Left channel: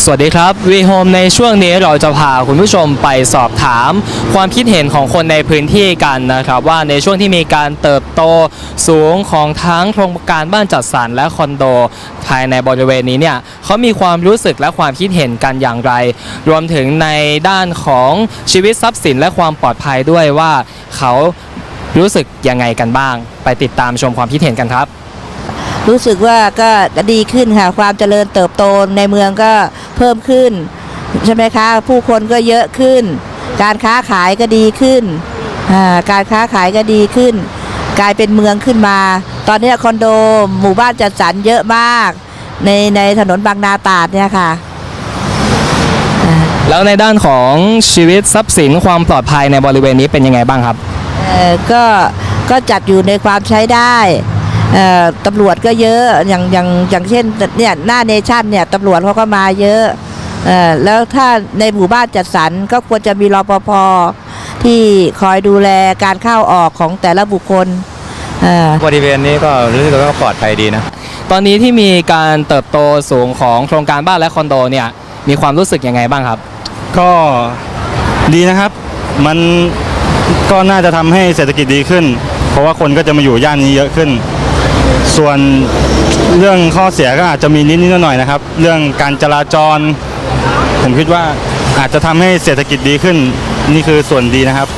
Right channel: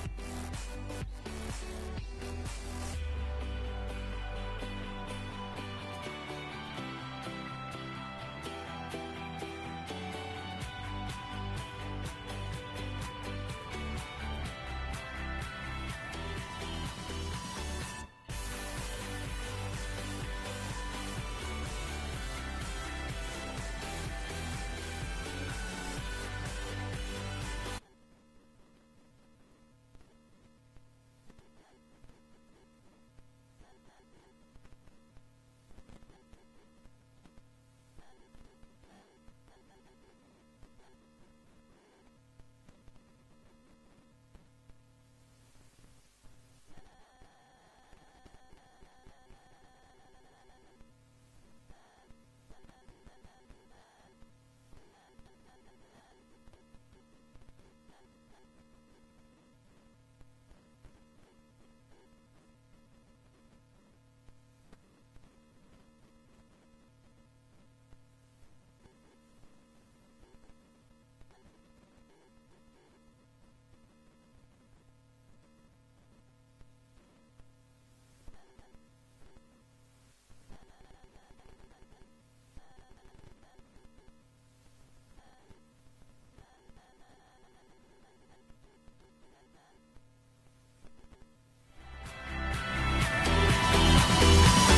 สวัสดีครับวีโฮมในช่วงนี้เราจะพาคุณผู้ชมไปสอบถาม ความคิดเห็นของคนในพื้นที่กันนะครับ ว่าในช่วงที่มีการเติบโตสูงของทั้งโครงการบ้านจัดสรรและคอนโด ภายในบริเวณนี้เนี่ยเขามีความรู้สึกและความคิดเห็นกันอย่างไร รวมถึงในด้านของชีวิตทรัพย์สินและความปลอดภัยด้วยว่าเขารู้สึกยังไงกันบ้าง ไปติดตามชมความคิดเห็นกันครับ รู้สึกว่าก็ดีขึ้นค่ะ ความเจริญเติบโตในเมืองก็เพิ่มขึ้น ใช่ไหมคะ ผู้คนก็เยอะขึ้น การค้าขายก็ดีขึ้นอ่าการค้าขายก็ดีขึ้น กลายเป็นเมืองขึ้นมา ตอนนี้คอนโดหมู่บ้านจัดสรรเยอะมาก ในในถนนบางนาตราดเนี่ยค่ะอ่าแล้วในด้านของชีวิตทรัพย์สินความปลอดภัยในบริเวณนี้เป็นยังไงบ้างครับเอ่อก็ก็จัดอยู่ในความใช้ได้เอ่อ ตำรวจก็เยอะอย่างอย่างอย่างเช่นเนี่ยหน้าเนชั่นเนี่ยตำรวจเขาก็มาเยอะเอ่อแล้วถ้าในหมู่บ้านจัดสรรก็ควรจะมีรปภที่คอยดูแลการเข้าออกของแต่ละบุคคลเอ่อบริเวณนี้ก็รู้สึกว่าปลอดภัยดีนะ ตอนนี้ที่มีการเติบโตสูงของโครงการบ้านและคอนโดเนี่ยมีความรู้สึกยังไงบ้างครับ ก็ดีนะครับ มันก็น่าจะทำให้เศรษฐกิจดีขึ้น เพราะว่าคนก็จะมาอยู่ย่านนี้เยอะขึ้น ส่วนเรื่องข้อเสียก็อาจจะมีนิดๆหน่อยๆนะครับ เรื่องการจราจร ผมคิดว่าอาจจะทำให้เศรษฐกิจดีขึ้นนี่คือส่วนดีนะครับ